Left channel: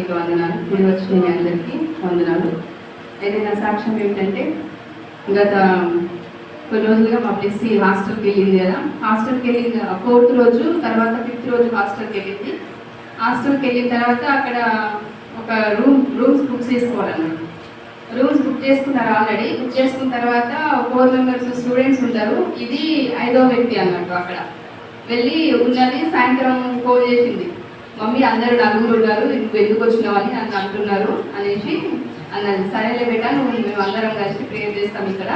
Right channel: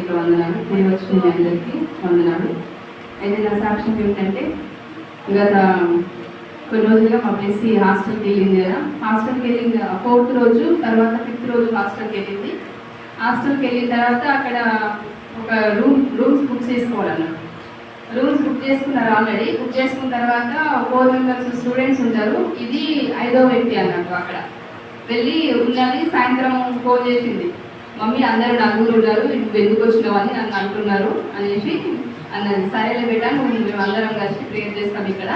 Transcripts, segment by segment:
ప్రత్యేక వందనాలు. నేను వచ్చిన మీ అందరికీ వందనాలు. అయితే నా సాక్ష్యం ఏమిటంటే, గత కొన్ని రోజులుగా మా బ్లెస్సీ హాస్టల్కి వెళ్ళింది కదా. హాస్టల్కి వెళ్ళింది 4th రోజు, తర్వాత 5th రోజు హాస్టల్కి వెళ్ళింది. హాస్టల్కి వెళ్ళిన తర్వాత అక్కడ ఒక రూమ్స్ బుక్ చేసుకోవాలన్నారు. రూమ్స్ బుక్ చేసుకున్నారు. ఆల్రెడీ బుక్ చేసుకున్న తర్వాత 4 members స్టూడెంట్స్ ఉంటారు. ఇది 5వ వ్యక్తి అన్నట్టు. అక్కడ వెళ్ళి ఉన్నది సాయంత్రం ఫోన్ చేసింది, మమ్మీ అందరూ నలుగురు ఉన్నారు, నువ్వు ఎందుకు వచ్చినావని నన్ను అంటున్నారు అనేసి అన్నది. సరేలే బేటా, మేము అందరం కలిసి ప్రేయర్ చేస్తాం ఇక్కడ,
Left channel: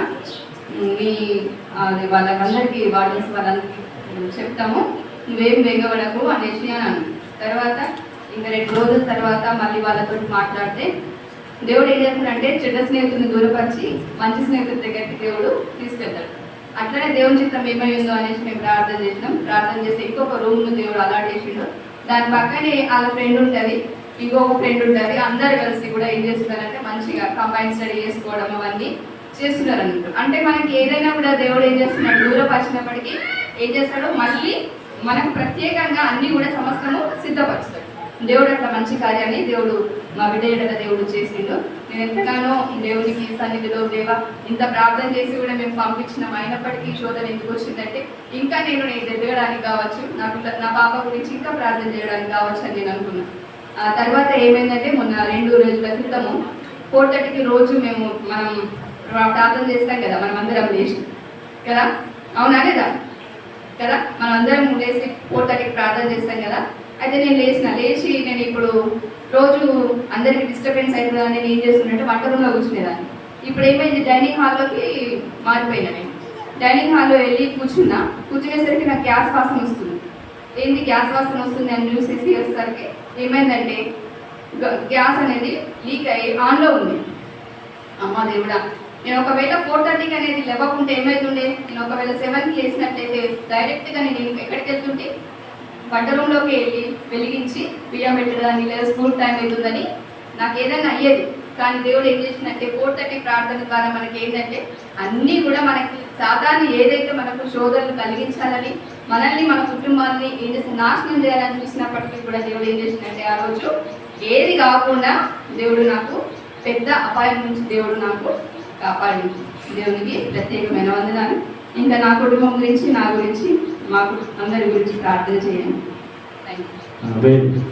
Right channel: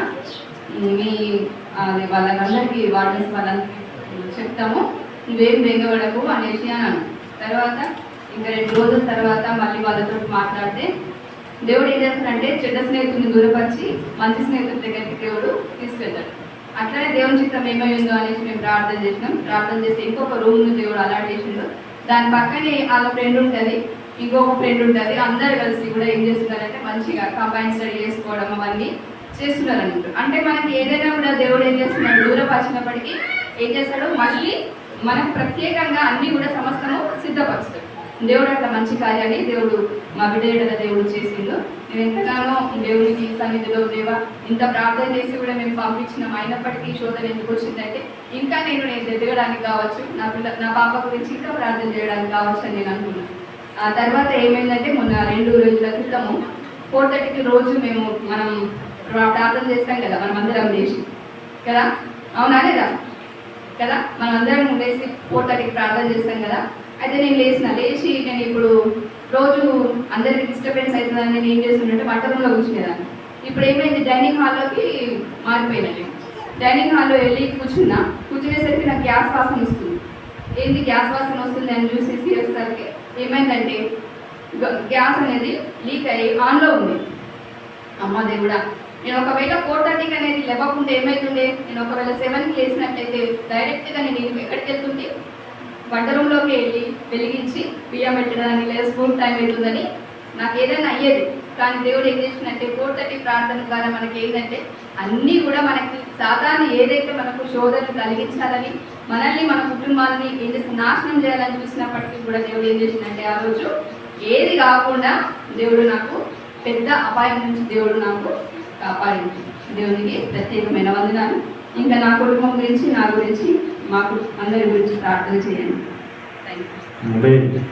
మీ అది వాళ్ళందరికీ వార్డెన్స్ వాళ్ళందరికీ చెప్తాము, నువ్వేం వేగపడకు అనేసి అన్నాను. తర్వాత ఇంకా 2 రోజుల తర్వాత మళ్ళీ వాళ్ళతో మాట్లాడితే దేవుడు ఏం చేస్తాడంటే చెడ్డ స్నేహితుడిని దూరపరిచి మంచి స్నేహితుడి దగ్గరికి దేవుడు తీసుకెళ్తాడు. అట్లనే దేవుని చిత్రం ఏమైందో అనేసి మేము ప్రార్థన చేసినాం. ప్రార్థన చేసి ఇంకొక రూమ్ను దేవుడు అలాట్ చేసిండు. దాని పక్కనే వాళ్ళ ఫ్రెండ్ ఉంటుంది, ఇంకొక ఫ్రెండ్ ఉంటుంది. అందరు కలిసి కూడా ఏం చేస్తున్నారంటే మంచిగా కంబైన్ స్టడీ చేసుకోవడం అవన్నీ చేస్తున్నారు అన్నట్టు. అంటే మనకి ఏదైనా కూడా దేవుడు ఏం చేస్తున్నాడు, దూరపరిచినప్పటికీ ఏం చేస్తాడు, మళ్ళీ మనకు ప్రత్యేకంగా అన్నీ కూడా సమస్తము సిద్ధపరుస్తాడు. దేవుడు అట్లా మంచి కార్యాన్ని దేవుడు మా బిడ్డ దేవుడు చేసిండు. నేను ఎంతగానో దేవునికి సన్నిధిలో దేవా ఇంత ప్రార్థన చేసి కూడా మేము పంపించినాం, అయినప్పటికీ శోధన ఎందుకు వచ్చిందంటే ఇంకా నేను ఎదగడానికి కావచ్చు, నా పాప గురించి ఇంకా ప్రార్థన చేయడానికి కావచ్చు అని నేను అనుకున్నాను. ఆ తర్వాత ఏమైందంటే మొన్న 2 రోజుల క్రితము 4:30కి రోజు మనం ప్రార్థన చేస్తాం కదా, మనం అందరం లేచి కదా, అవునా లేదా కదా, మనం అందరం లేచి 4:30కి ప్రార్థన చేస్తాం కదా. అయితే నేను లేచి నేను ఇప్పుడు రోజు అందరికీ డిస్టర్బెన్స్ అవుతుందని నేను ఏం చేస్తున్నట్టే వంట రూమ్లో కూర్చునేదాన్ని. ఇప్పుడు ఏమైంది, డైనింగ్ హాల్లోకి మారిపోయినా. నేను డైనింగ్ హాల్లో వెళ్ళి కూర్చునేసరికి నాకు గ్యాస్ వాసన వస్తుంది. ఏంది గ్యాస్ వాసన వస్తుంది అని చూసేసి వచ్చేసరికి ఏమైందంటే గ్యాస్ అనేది లీక్ అయ్యి ఆన్లో ఉంది. అమ్మ దేవుడా, నేను ఒకవేళ 4:30కి అనేది లేవకుంటే ఏమవుతుండే, నేను ఒకవేళ 7కి లేచినట్లయితే డైరెక్ట్గా నేను ఎక్కడికి వెళ్తుంటే వంట రూమ్లోకి వెళ్ళి వెలిగించి బియ్యం పెట్టడానికి, లేదా స్కూల్ టైం అవుతుందని నాకు ఏదైనా అయ్యేది. కానీ దేవుడు ఏం చేసినట్టే 4:30 ప్రార్థన ద్వారా మనకి ఏంటంటే అన్నీ కూడా మనకి సాధారణ ఏదైతే మనకు శోధనలు కలిగించాలని, మనల్ని మన కుటుంబాలని ఏం చేసి నాశనం చేయాలని చూసినప్పటికీ కూడా దేవుడు ఏం చేసినట్టే ఆ రోజు ఏది కాకుండా దేవుడు నాకు పెద్ద అపాయం నుంచి దేవుడు నాకు కాపాడింది. దేవునికి ప్రత్యేకమైన వందనాలు. ఇంకా నా కుటుంబం గురించి, నా గురించి, మాకు అందరి గురించి ప్రార్థన చేయండి. Thank you.